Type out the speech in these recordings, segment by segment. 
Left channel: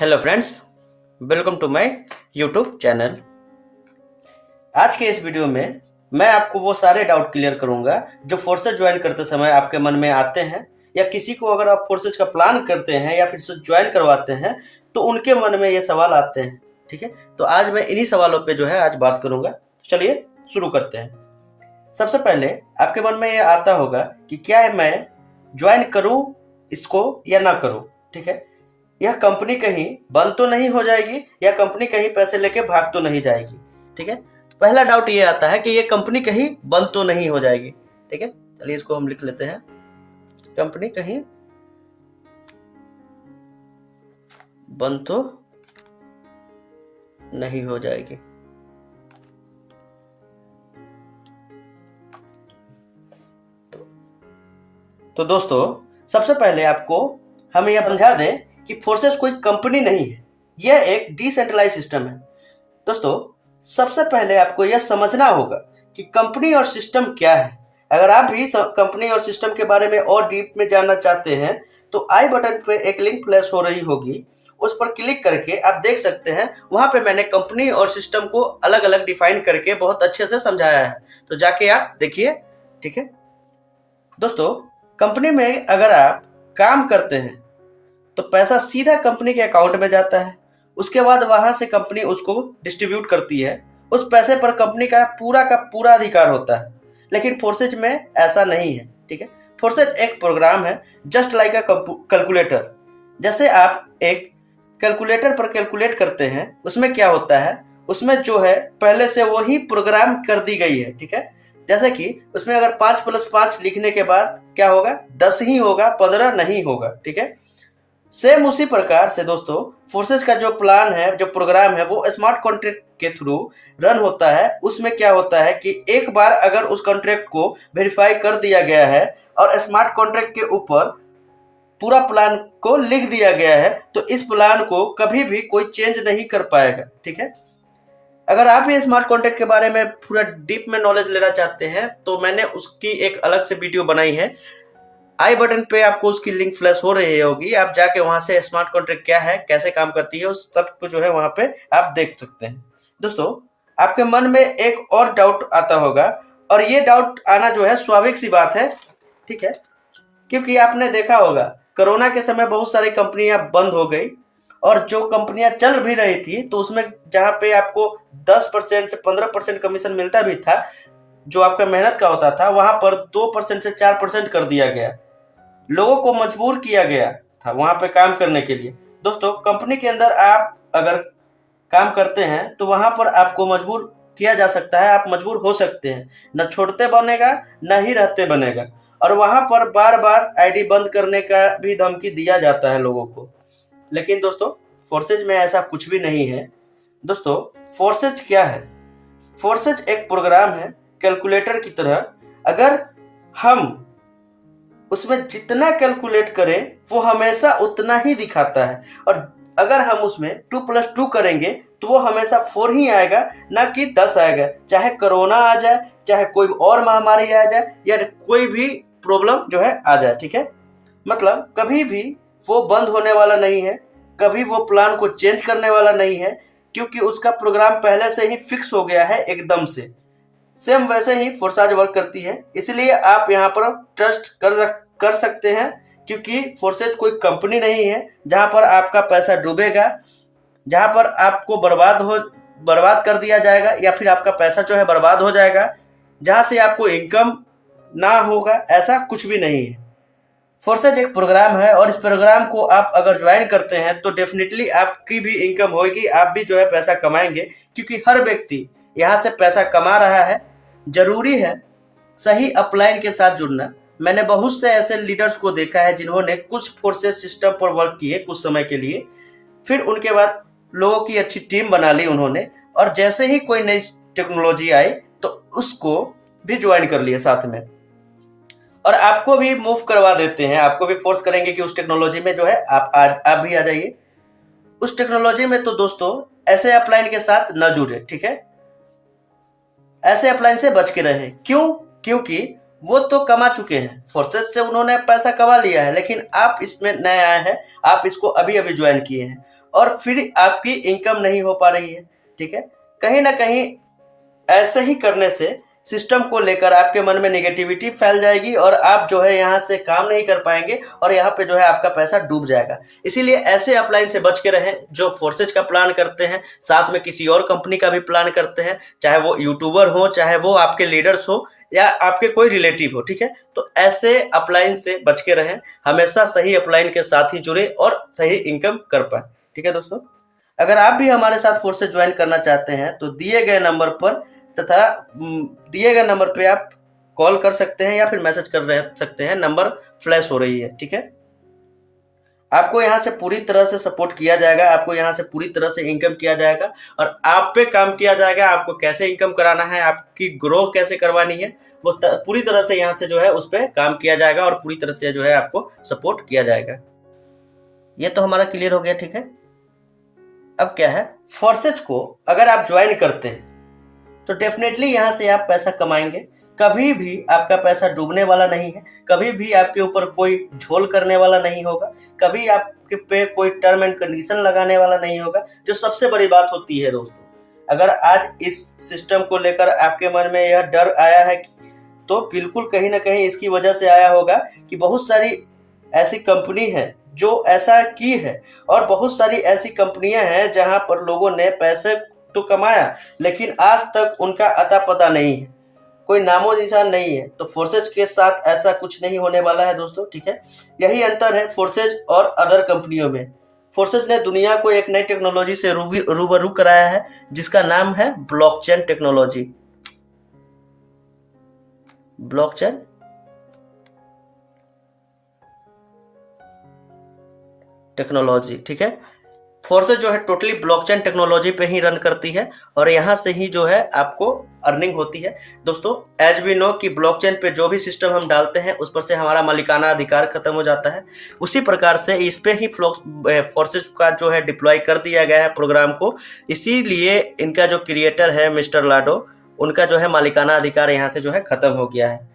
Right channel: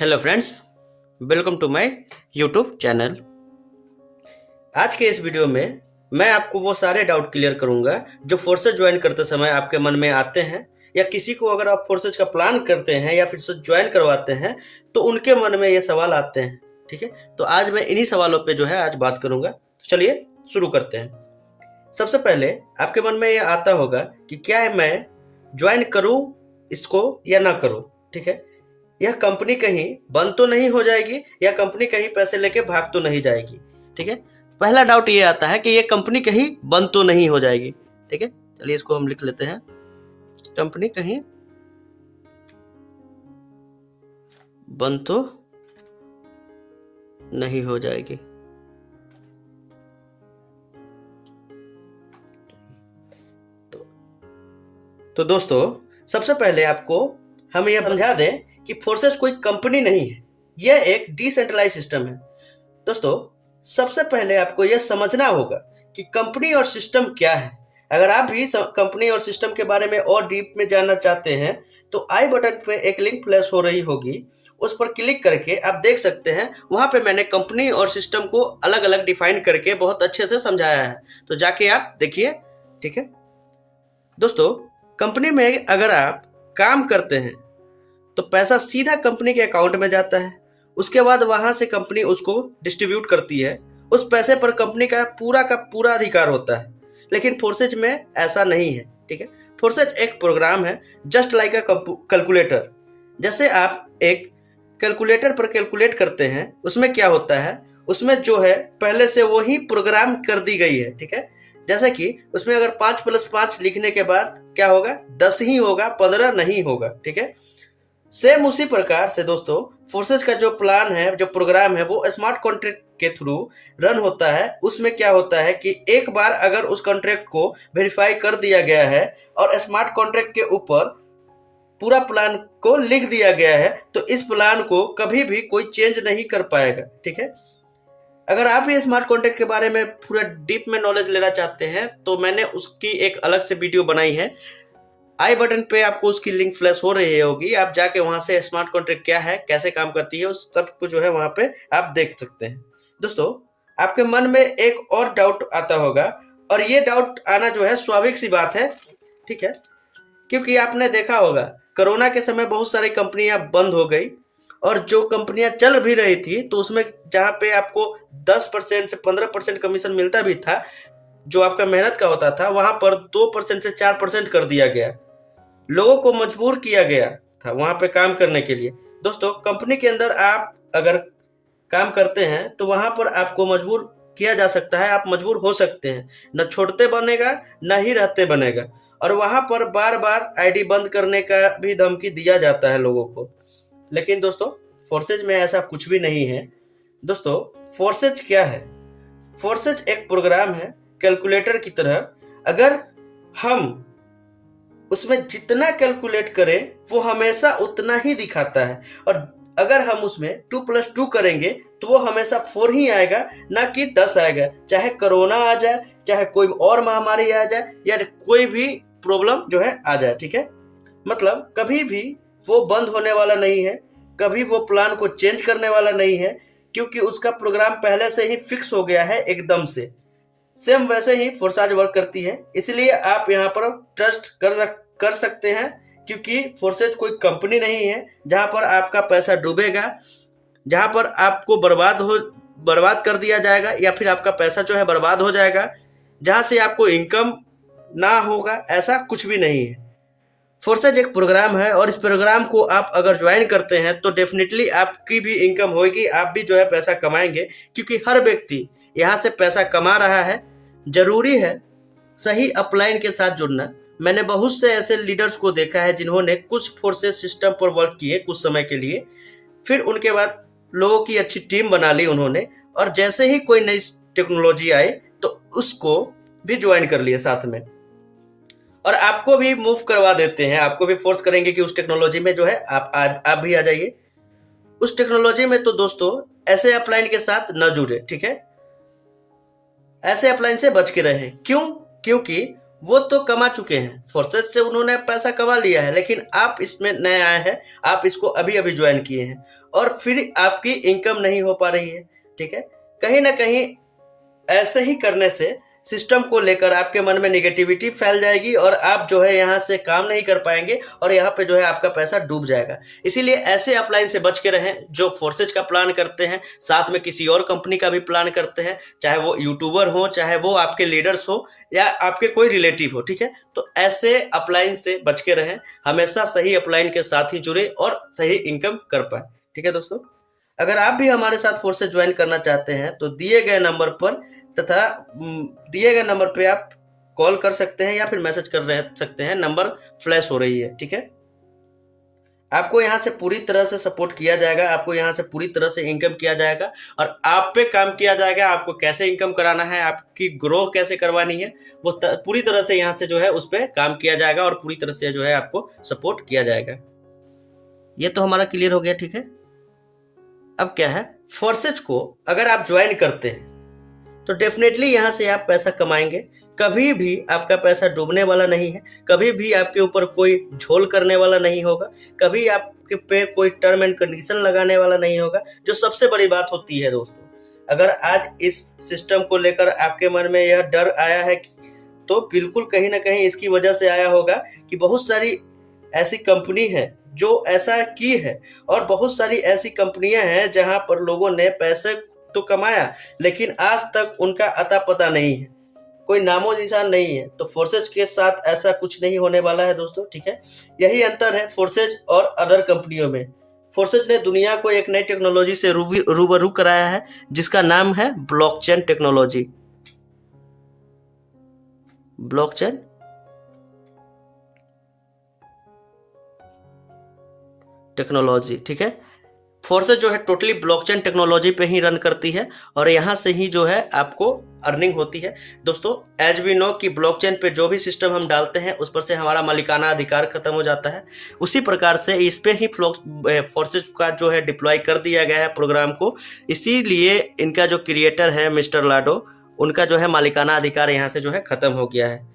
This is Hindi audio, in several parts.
Hello friends, welcome to my YouTube channel. आज के इस वीडियो में मैं आपको वो सारे डाउट क्लियर करूंगा जो फोर्सेज ज्वाइन करते समय आपके मन में आते हैं, या किसी को अगर आप फोर्सेज का प्लान करते हैं या फिर से ज्वाइन करवाते हैं तो उनके मन में ये सवाल आते हैं। ठीक है, तो आज मैं इन्हीं सवालों पे जो है आज बात करूंगा। तो चलिए शुरू करते हैं। सबसे पहले आपके मन में ये आता होगा कि क्या मैं ज्वाइन करूं इसको या ना करूं। ठीक है, यह कंपनी कहीं बंद तो नहीं हो जाएगी या कंपनी कहीं पैसे लेके भाग तो नहीं जाएगी। ठीक है, तो पहला डाउट ये आता है कि ये कंपनी कहीं बंद तो नहीं हो जाएगी। ठीक है, चलिए इसको हम लिख लेते हैं, कंपनी कहीं बंद तो नहीं हो जाएगी। तो दोस्तों, सबसे पहले आपको हम यह समझा दें कि फोर्सेस कोई कंपनी नहीं है, यह एक डिसेंट्रलाइज सिस्टम है। दोस्तों, सबसे पहले आपको यह समझना होगा कि कंपनी और सिस्टम क्या है। अगर आप भी कंपनी और सिस्टम के बारे में और डीप में जानना चाहते हैं तो आई बटन पे एक लिंक फ्लैश हो रही होगी, उस पर क्लिक करके आप देख सकते हैं। वहां पे मैंने कंपनी और सिस्टम को अलग अलग डिफाइन करके बहुत अच्छे से समझाया है, तो जाके आप देखिए। ठीक है दोस्तों, कंपनी में अगर आप काम करते हैं तो पैसा सीधा कंपनी के अकाउंट में जाता है। उसके बाद वहां से कंपनी उसको डिस्ट्रीब्यूट करती है। उस पैसे पर कंपनी का पूरा अधिकार होता है। लेकिन फोर्सेज में ऐसा नहीं है। ठीक है, फोर्सेज एक प्रोग्राम है, जस्ट लाइक अ कैलकुलेटर। जैसे आप एक कैलकुलेटर पर कैलकुलेट करते हैं, उसमें क्या होता है, उसमें जो है पहले से वही प्रोग्राम कर दी गई है। ठीक है, जैसे कि उसमें अगर 5 + 5 लिखने के बाद क्या होगा, 10 ही होगा, 15 नहीं होगा। ठीक है, सेम उसी प्रकार से दोस्तों फोर्सेज का जो प्लान है, जो प्रोग्राम है, वो स्मार्ट कॉन्ट्रैक्ट के थ्रू रन होता है। उसमें क्या होता है कि एक बार अगर उस कॉन्ट्रैक्ट को वेरीफाई कर दिया गया है और स्मार्ट कॉन्ट्रैक्ट के ऊपर पूरा प्लान को लिख दिया गया है, तो इस प्लान को कभी भी कोई चेंज नहीं कर पाएगा। ठीक है, अगर आप भी स्मार्ट कॉन्ट्रैक्ट के बारे में पूरा डीप में नॉलेज लेना चाहते हैं तो मैंने उसकी एक अलग से वीडियो बनाई है। आई बटन पे आपको उसकी लिंक फ्लैश हो रही होगी, आप जाके वहां से स्मार्ट कॉन्ट्रैक्ट क्या है, कैसे काम करती है, उस सब कुछ जो है वहां पे आप देख सकते हैं। दोस्तों, आपके मन में एक और डाउट आता होगा, और ये डाउट आना जो है स्वाभाविक सी बात है। ठीक है, क्योंकि आपने देखा होगा कोरोना के समय बहुत सारी कंपनियां बंद हो गई, और जो कंपनियां चल भी रही थी तो उसमें जहां पे आपको 10% से 15% कमीशन मिलता भी था, जो आपका मेहनत का होता था, वहां पर 2% से 4% कर दिया गया। लोगों को मजबूर किया गया था वहां पे काम करने के लिए। दोस्तों, कंपनी के अंदर आप अगर काम करते हैं तो वहां पर आपको मजबूर किया जा सकता है, आप मजबूर हो सकते हैं। न छोड़ते बनेगा न ही रहते बनेगा, और वहां पर बार बार आईडी बंद करने का भी धमकी दिया जाता है लोगों को। लेकिन दोस्तों, फोर्सेज में ऐसा कुछ भी नहीं है। दोस्तों, फोर्सेज क्या है? फोर्सेज एक प्रोग्राम है कैलकुलेटर की तरह। अगर हम उसमें जितना कैलकुलेट करें वो हमेशा उतना ही दिखाता है, और अगर हम उसमें 2 + 2 करेंगे तो वो हमेशा 4 ही आएगा, ना कि 10 आएगा। चाहे कोरोना आ जाए, चाहे कोई और महामारी आ जाए, या कोई भी प्रॉब्लम जो है आ जाए। ठीक है, मतलब कभी भी वो बंद होने वाला नहीं है, कभी वो प्लान को चेंज करने वाला नहीं है, क्योंकि उसका प्रोग्राम पहले से ही फिक्स हो गया है एकदम से। सेम वैसे ही फोर्सेज वर्क करती है, इसलिए आप यहाँ पर ट्रस्ट कर सकते हैं, क्योंकि फोर्सेज कोई कंपनी नहीं है जहां पर आपका पैसा डूबेगा, जहां पर आपको बर्बाद कर दिया जाएगा, या फिर आपका पैसा जो है बर्बाद हो जाएगा, जहां से आपको इनकम ना होगा। ऐसा कुछ भी नहीं है। फोर्सेज एक प्रोग्राम है, और इस प्रोग्राम को आप अगर ज्वाइन करते हैं तो डेफिनेटली आपकी भी इनकम होगी, आप भी जो है पैसा कमाएंगे, क्योंकि हर व्यक्ति यहाँ से पैसा कमा रहा है। जरूरी है सही अपलाइन के साथ जुड़ना। मैंने बहुत से ऐसे लीडर्स को देखा है जिन्होंने कुछ फोर्सेस सिस्टम पर वर्क किए कुछ समय के लिए, फिर उनके बाद लोगों की अच्छी टीम बना ली उन्होंने, और जैसे ही कोई नई टेक्नोलॉजी आए तो उसको भी ज्वाइन कर लिए साथ में, और आपको भी मूव करवा देते हैं, आपको भी फोर्स करेंगे कि उस टेक्नोलॉजी में जो है आप भी आ जाइए उस टेक्नोलॉजी में। तो दोस्तों, ऐसे अपलाइन के साथ न जुड़े। ठीक है, ऐसे अपलाइन से बच के रहें। क्यों? क्योंकि वो तो कमा चुके हैं, फोर्सेज से उन्होंने पैसा कमा लिया है, लेकिन आप इसमें नए आए हैं, आप इसको अभी अभी ज्वाइन किए हैं और फिर आपकी इनकम नहीं हो पा रही है। ठीक है, कहीं ना कहीं ऐसे ही करने से सिस्टम को लेकर आपके मन में नेगेटिविटी फैल जाएगी और आप जो है यहाँ से काम नहीं कर पाएंगे और यहाँ पे जो है आपका पैसा डूब जाएगा। इसीलिए ऐसे अपलाइन से बच के रहें जो फोर्सेज का प्लान करते हैं, साथ में किसी और कंपनी का भी प्लान करते हैं, चाहे वो यूट्यूबर हो, चाहे वो आपके लीडर्स हो या आपके कोई रिलेटिव हो। ठीक है, तो ऐसे अपलाइन से बच के रहें, हमेशा सही अपलाइन के साथ ही जुड़े और सही इनकम कर पाए। ठीक है दोस्तों, अगर आप भी हमारे साथ फोर्स से ज्वाइन करना चाहते हैं तो दिए गए नंबर पर तथा दिए गए नंबर पे आप कॉल कर सकते हैं या फिर मैसेज कर सकते हैं, नंबर फ्लैश हो रही है। ठीक है, आपको यहाँ से पूरी तरह से सपोर्ट किया जाएगा, आपको यहाँ से पूरी तरह से इनकम किया जाएगा और आप पे काम किया जाएगा, आपको कैसे इनकम कराना है, आपकी ग्रो कैसे करवानी है, वो पूरी तरह से यहाँ से जो है उस पर काम किया जाएगा और पूरी तरह से जो है आपको सपोर्ट किया जाएगा। ये तो हमारा क्लियर हो गया। ठीक है, अब क्या है, फोर्सेज को अगर आप ज्वाइन करते हैं तो डेफिनेटली यहाँ से आप पैसा कमाएंगे, कभी भी आपका पैसा डूबने वाला नहीं है, कभी भी आपके ऊपर कोई झोल करने वाला नहीं होगा, कभी आपके पे कोई टर्म एंड कंडीशन लगाने वाला नहीं होगा। जो सबसे बड़ी बात होती है दोस्तों, अगर आज इस सिस्टम को लेकर आपके मन में यह डर आया है तो बिल्कुल कहीं ना कहीं इसकी वजह से आया होगा कि बहुत सारी ऐसी कंपनी है जो ऐसा की है और बहुत सारी ऐसी कंपनियां हैं जहां पर लोगों ने पैसे तो कमाया लेकिन आज तक उनका अता पता नहीं है, कोई नामो निशान नहीं है। तो फोर्सेज के साथ ऐसा कुछ नहीं होने वाला है दोस्तों। ठीक है, यही अंतर है फोर्सेज और अदर कंपनियों में। फोर्सेज ने दुनिया को एक नई टेक्नोलॉजी से रूबरू कराया है जिसका नाम है ब्लॉकचेन टेक्नोलॉजी। ब्लॉकचेन टेक्नोलॉजी, ठीक है, फोर्सेज जो है टोटली ब्लॉकचेन टेक्नोलॉजी पे ही रन करती है और यहाँ से ही जो है आपको अर्निंग होती है। दोस्तों, एज वी नो कि ब्लॉकचेन पे जो भी सिस्टम हम डालते हैं उस पर से हमारा मालिकाना अधिकार खत्म हो जाता है, उसी प्रकार से इस पे ही फोर्सेज का जो है डिप्लॉय कर दिया गया है प्रोग्राम को। इसीलिए इनका जो क्रिएटर है मिस्टर लाडो, उनका जो है मालिकाना अधिकार यहाँ से जो है खत्म हो गया है।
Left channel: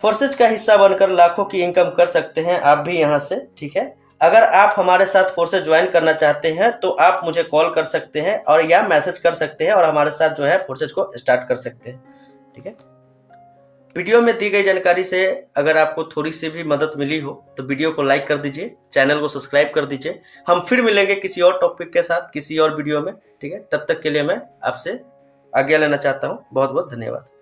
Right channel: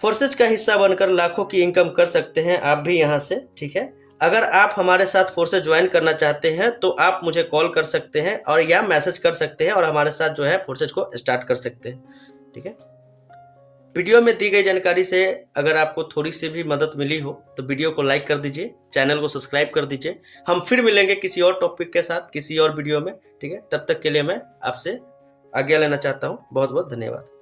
फोर्सेज का हिस्सा बनकर लाखों की इनकम कर सकते हैं आप भी यहाँ से। ठीक है, अगर आप हमारे साथ फोर्सेज ज्वाइन करना चाहते हैं तो आप मुझे कॉल कर सकते हैं और या मैसेज कर सकते हैं और हमारे साथ जो है फोर्सेज को स्टार्ट कर सकते हैं। ठीक है, वीडियो में दी गई जानकारी से अगर आपको थोड़ी सी भी मदद मिली हो तो वीडियो को लाइक कर दीजिए, चैनल को सब्सक्राइब कर दीजिए। हम फिर मिलेंगे किसी और टॉपिक के साथ किसी और वीडियो में। ठीक है, तब तक के लिए मैं आपसे आज्ञा लेना चाहता हूँ। बहुत बहुत धन्यवाद।